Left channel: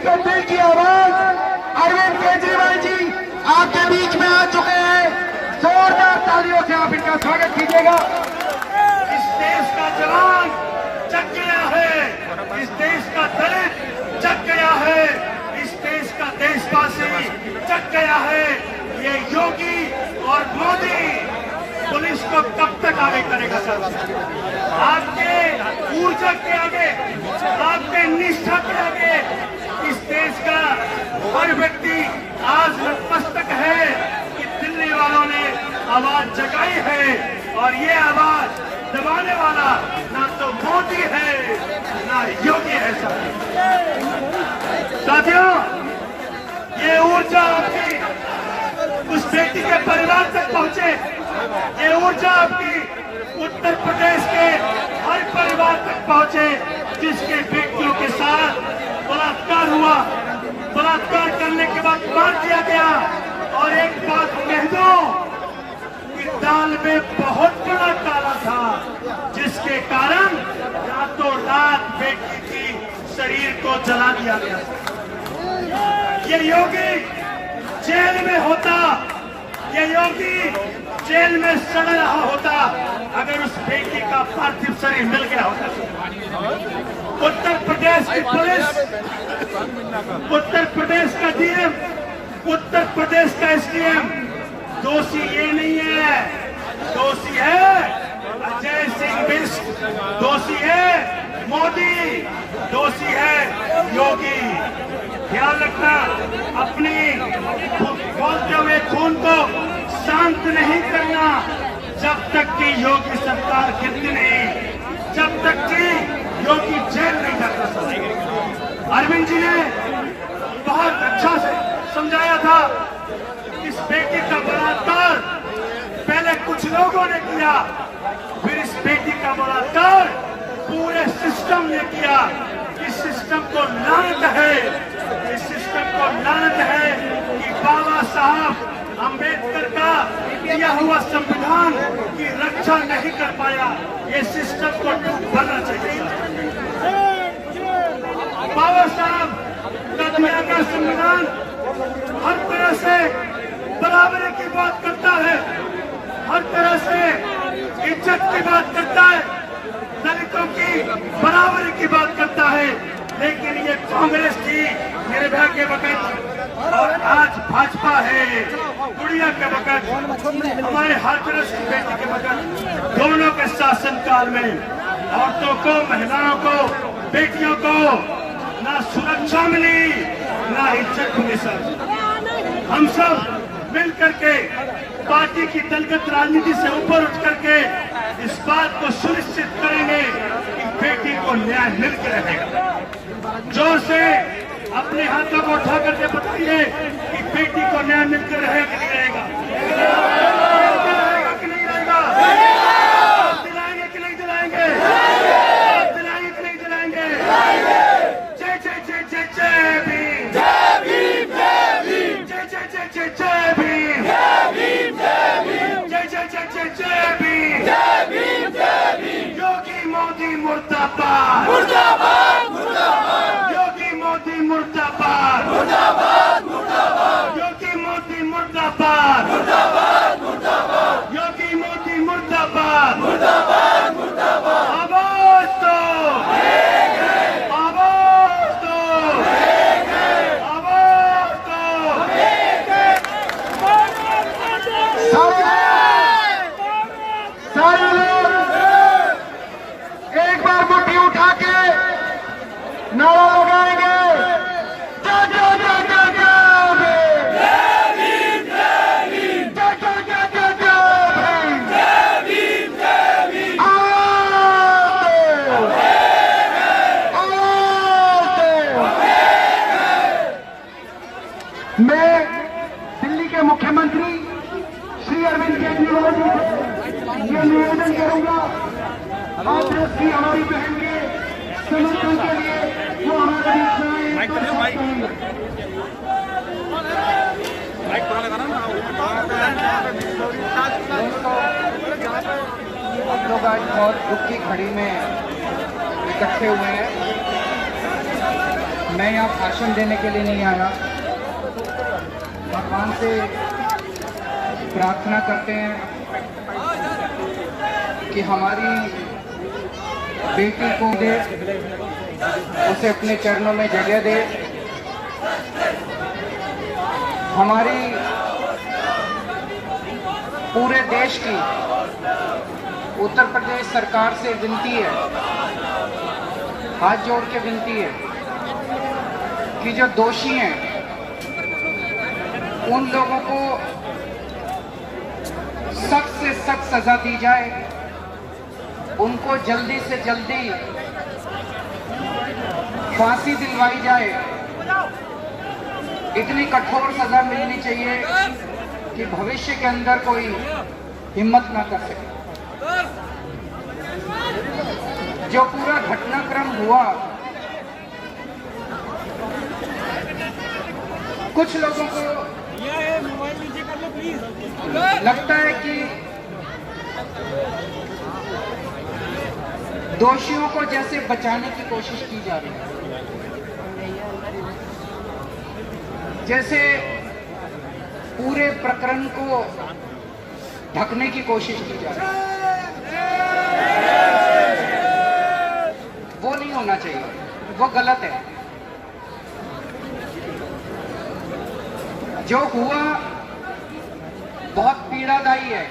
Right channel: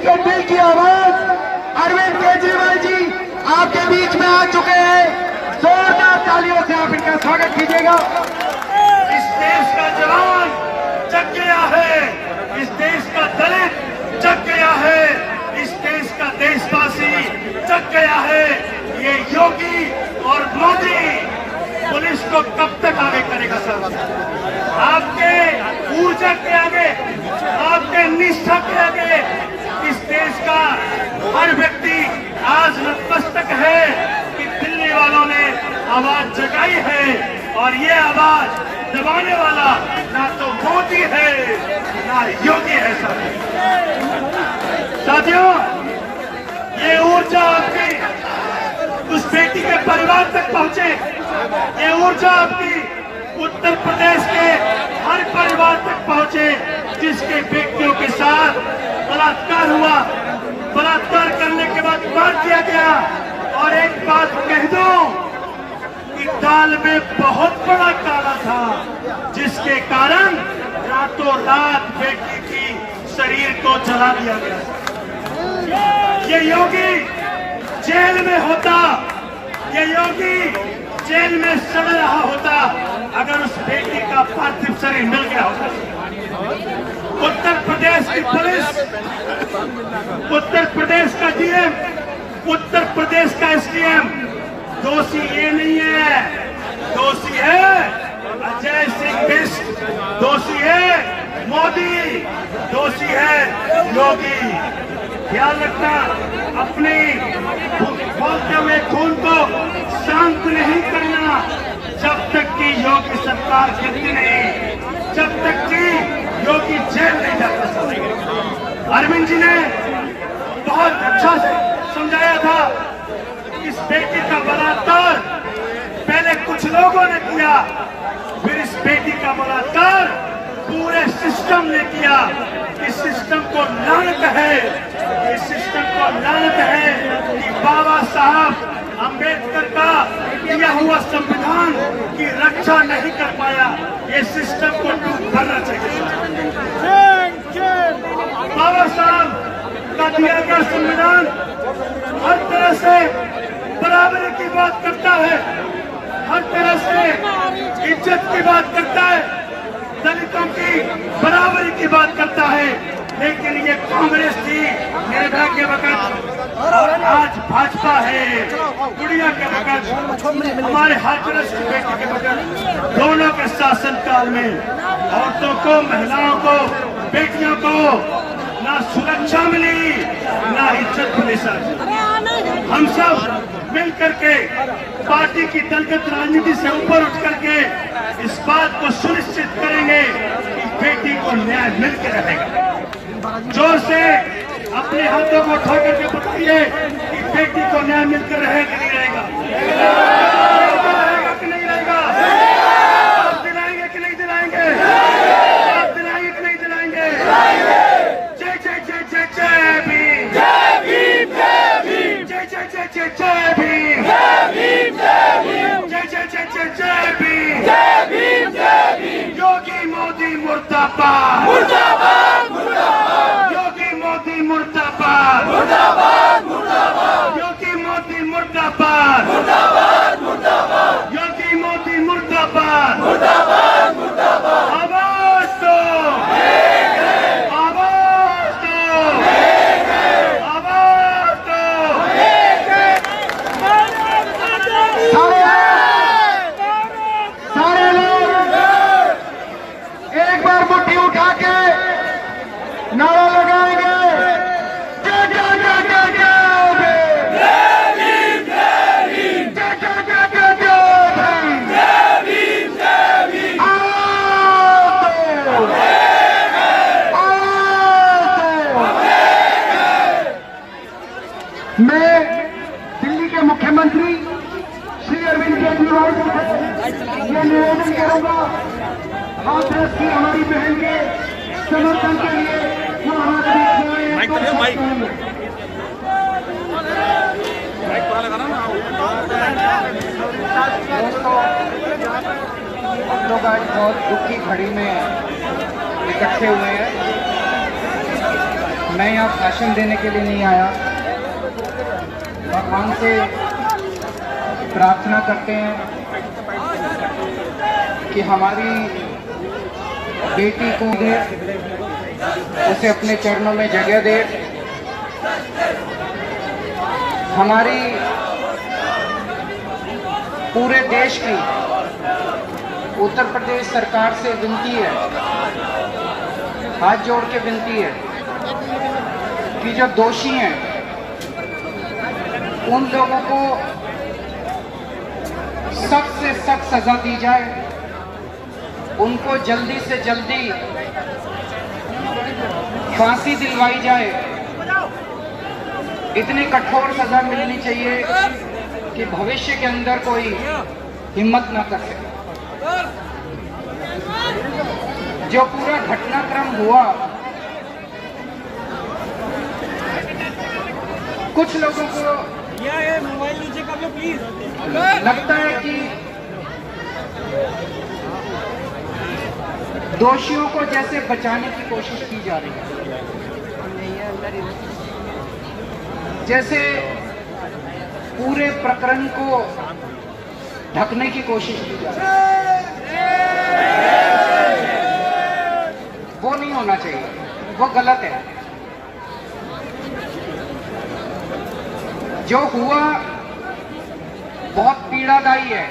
के दिल की आवाज अरविंद केजरीवाल जी आपके बीच में आ चुके हैं। जोरदार तालियों से आप इनका स्वागत कीजिएगा। इस देश का जवान जग गया है, इस देश का दलित जग गया है, इस देश का देशवासी जग गया है। ये योगी और मोदी पुलिस को कब तक आगे करेगा? सर, आपके ऊर्जा के आगे, आपके निष्ठा के आगे इस देश का हर व्यक्ति आज नतमस्तक है कि दिल्ली वालों ने आवाज जगाई है और ये आवाज दबाने वाला ना तो मोदी है ना योगी है। साथियों, ये ऊर्जा आपकी उस बेटी के परिवार तक पहुंचे, ये ऊर्जा आपकी उत्तर प्रदेश के हर परिवार तक पहुंचे जिसके बेटियों के साथ बलात्कार हुआ, बलात्कार करने के बाद मार दिया गया। और एक बात कह दूं कि दाल में बहुत बड़ा काला था जिसके कारण रातों रात बेटी की शरीर को जला दिया गया। ये योगी जेल में होता, ये योगी जेल में सड़ रहा होता अगर उस बेटी का पार्थिव शरीर मिल गया होता। उत्तर प्रदेश की पुलिस, उत्तर प्रदेश का डीएम, उत्तर प्रदेश का एसडीएम दोषी ये नहीं है, दोषी है अजय सिंह बिष्ट, दोषी है मोदी, दोषी है योगी। ख्याल रखना, अपने बोलते हुए खून को शांत नहीं करना जब तक कि योगी सरकार गिरती नहीं, जब तक कि योगी जेल नहीं जाता। अरविंद जी ने बहुत अच्छा से समझाया था। इस बेटी का बलात्कार पहले कुछ लोगों ने किया, फिर इस बेटी का बलात्कार पूरे सिस्टम ने किया। इस सिस्टम को लानत है, इस सिस्टम को लानत है कि बाबा साहब अंबेडकर का दिया हुआ संविधान की रक्षा नहीं कर पाया। ये सिस्टम को टूट भरना चाहिए। बाबा साहब का दिया गया संविधान हर तरह से बराबरी की बात करता है, हर तरह से इज्जत की बात करता है, दलितों की बराबरी की बात करता है। लेकिन ये कांग्रेस थी निर्भया के वक्त और आज भाजपा है गुड़िया के वक्त, हमारे हाथरस की बेटी के वक्त, दोनों के शासनकाल में औरतों को, महिलाओं को, बेटियों को ना सुरक्षा मिली ना इज्जत मिली। सर, हम सब मिल करके पार्टी की दलगत राजनीति से ऊपर उठ करके इस बात को सुनिश्चित करेंगे कि बेटी को न्याय मिलकर रहेगा। जोर से अपने हाथों को उठा करके बताइए कि बेटी को न्याय मिलकर रहेगा कि नहीं रहेगा? रहेगा कि नहीं रहेगा? आप दिलाएंगे कि नहीं दिलाएंगे? आप दिलाएंगे कि नहीं दिलाएंगे? जय जय जय जय जय भीम, जय भीम, जय भीम, जय जय जय जय जय भीम, जय भीम, जय भीम, जय जय जय जय जय भीम, जय भीम, जय भीम। योगी मोदी मुर्दाबाद, मुर्दाबाद, मुर्दाबाद। योगी मोदी मुर्दाबाद, मुर्दाबाद, मुर्दाबाद। योगी मोदी मुर्दाबाद, मुर्दाबाद, मुर्दाबाद। योगी मोदी मुर्दाबाद, मुर्दाबाद, मुर्दाबाद। आवाज दो, आवाज दो, आवाज दो। सारे लोग एक बार मुट्ठी उठा के नारा लगाएंगे। जय जय जय जय जय भीम, जय भीम, जय भीम, जय जय जय जय जय भीम, जय भीम, जय भीम। मैं दिल्ली के मुख्यमंत्री श्री अरविंद केजरीवाल जी से ये निवेदन करूंगा, कांग्रेस की हमारी बहन के समर्थन के लिए जो हमारे बीच लोग आज बहुत दुख की घड़ी में इकट्ठे हुए हैं। मैं यहाँ भाषण देने के लिए नहीं आया। भगवान से प्रार्थना करते हैं कि हमारी बेटी को उसे अपने चरणों में जगह दे। हमारी पूरे देश की उत्तर प्रदेश सरकार से विनती है, हाथ जोड़ के विनती है कि जो दोषी हैं उन लोगों को सख्त से सख्त सजा दी जाए, उनको जल्दी से जल्दी फांसी दिलवाई जाए। इतनी कठोर सजा मिलनी चाहिए कि भविष्य के अंदर कोई हिम्मत न कर सके। जो पूरा घटनाक्रम हुआ, कुछ लोगों को लगता है कि दोषियों को जैसे बचाने की कोशिश की जा रही है, जैसे पूरे प्रकरण को ढकने की कोशिश की जा रही है। वो नहीं होना चाहिए, वो गलत है। जो हुआ बहुत पीड़ादायी है।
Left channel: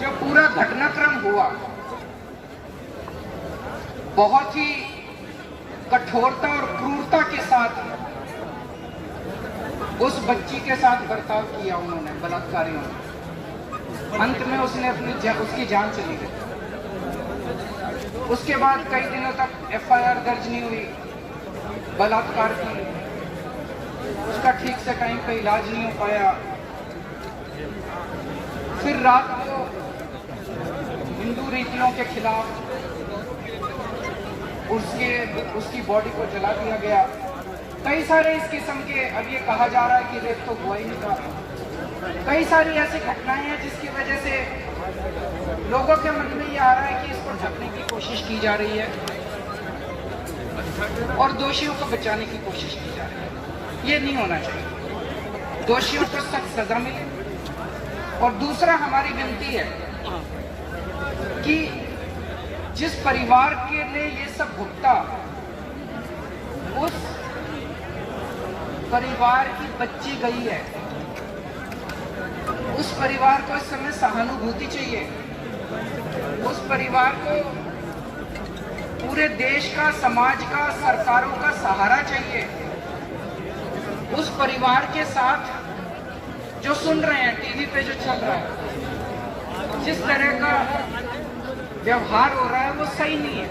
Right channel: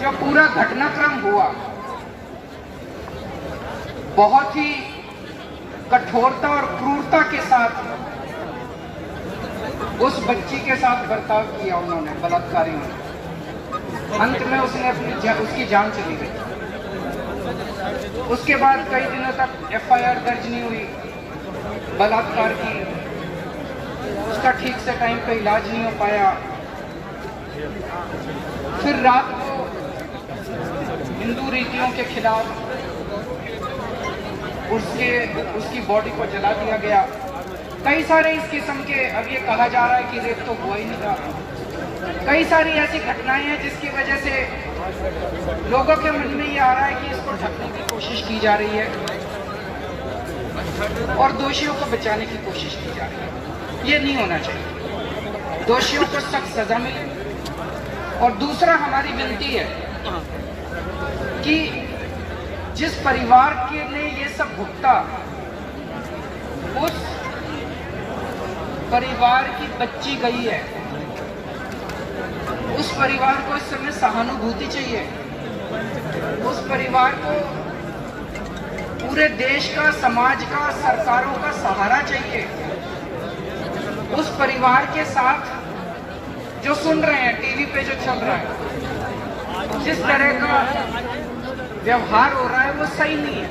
जो पूरा घटनाक्रम हुआ बहुत ही कठोरता और क्रूरता के साथ उस बच्ची के साथ बर्ताव किया उन्होंने, बलात्कारियों ने। अंत में उसने उसकी जान चली गई। उसके बाद कई दिनों तक एफआईआर दर्ज नहीं हुई बलात्कार की। उसका ठीक से टाइम पे इलाज नहीं हो पाया। फिर रात को हिंदू रीतियों के खिलाफ उसकी बॉडी को जला दिया गया। कई सारे इस किस्म के, अब ये कहा जा रहा है कि रेप तो हुआ ही नहीं था। कई सारी ऐसी घटनाएं हैं जिसकी वजह से लोगों के मन में ये आ रहा है कि इसको ढकने की कोशिश की जा रही है और दोषियों को बचाने की कोशिश की जा रही है। ये नहीं होना चाहिए। दोषियों को सख्त सजा मिले। और दूसरा, हमारी विनती है कि जिस परिवार के ने ये सब भुगता, उस परिवार की बच्ची गई है, उस परिवार को इस समय सहानुभूति चाहिए। उस परिवार को पूरे देश का, समाज का, सरकारों का सहारा चाहिए। उस परिवार के साथ जो सुन रहे हैं टीवी पे जो चल रहा है, जिस तरह का व्यवहार हो रहा है, वो सही नहीं है।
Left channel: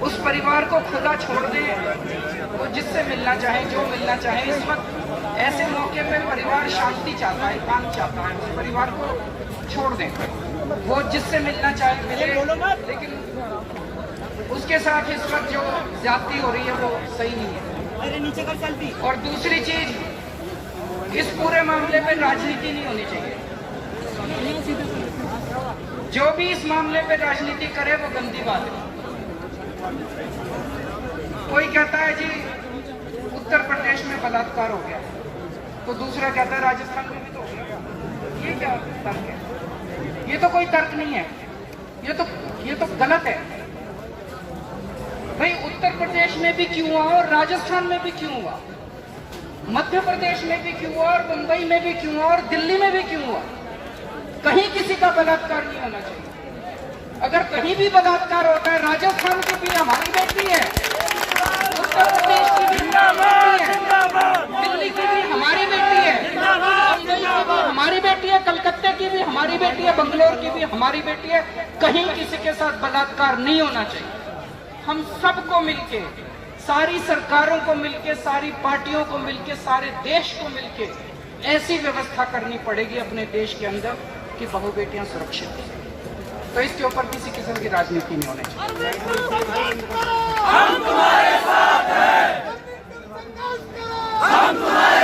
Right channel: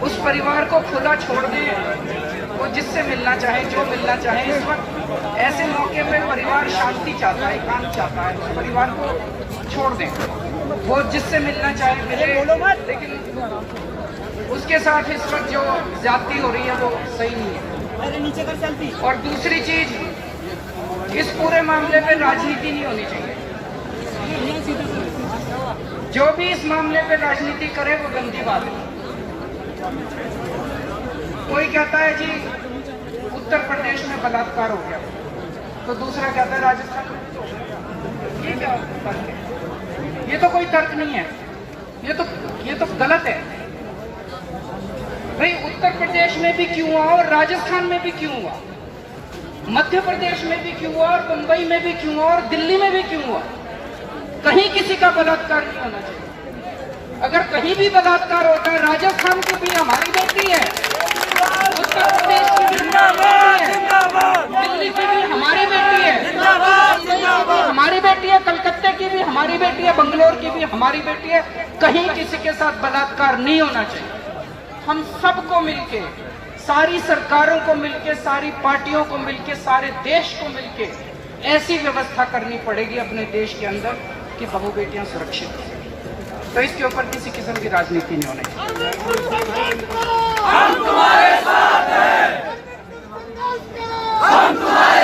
उस परिवार को खुला छोड़ दें। वो जिससे मिलना चाहे, जो मिलना चाहे। इस वक्त ऐसे मौके पे परिवार शांति चाहता है, काम चाहता है। उस परिवार को छोड़ दें। वो जिससे मिलना चाहे मिले, लेकिन उसके साथ इस वक्त जो ज्यादती हो रही है वो सही नहीं है। अरे नीचे कर चलती। और दूसरी चीज, इस पूरे मामले में राजनीति नहीं होनी चाहिए। जो भी इस मामले पे राजनीति करे वो गंदी बात है। कोई कहता है जी उत्तर प्रदेश में बलात्कार हो गया, तो दूसरा कहता है राजस्थान में भी तो हो गया। ये क्या तर्क है? ये तो कोई तर्क नहीं है। ये तो गलत है। भाई, उत्तर प्रदेश में भी क्यों हुआ और राजस्थान में भी क्यों हुआ, मध्य प्रदेश में भी क्यों हुआ और मुंबई में भी क्यों हुआ और दिल्ली में भी क्यों हुआ? कहीं किसी का बलात्कार नहीं होना चाहिए। अगर कहीं भी बलात्कार होता है, राजस्थान की भी हमारी बेटी है, उत्तर प्रदेश की भी हमारी बेटी है, दिल्ली की भी हमारी बेटी है, हमारी बेटी है, कलकत्ते की भी हमारी बेटी है, बंगलोर की भी हमारी बेटी है। कहीं किसी के साथ बलात्कार नहीं होना चाहिए। हम सबको मिलके, सारी सरकारों को मिलके, सारी पार्टियों को मिलके, सारे देश को मिलके ऐसी व्यवस्था करनी पड़ेगी अपने देश के अंदर कि बहु बेटियां सुरक्षित हो। तो इसके ऊपर किसी किस्म की राजनीति नहीं होनी चाहिए। हम तुम्हारे साथ हैं। हम तुम्हारे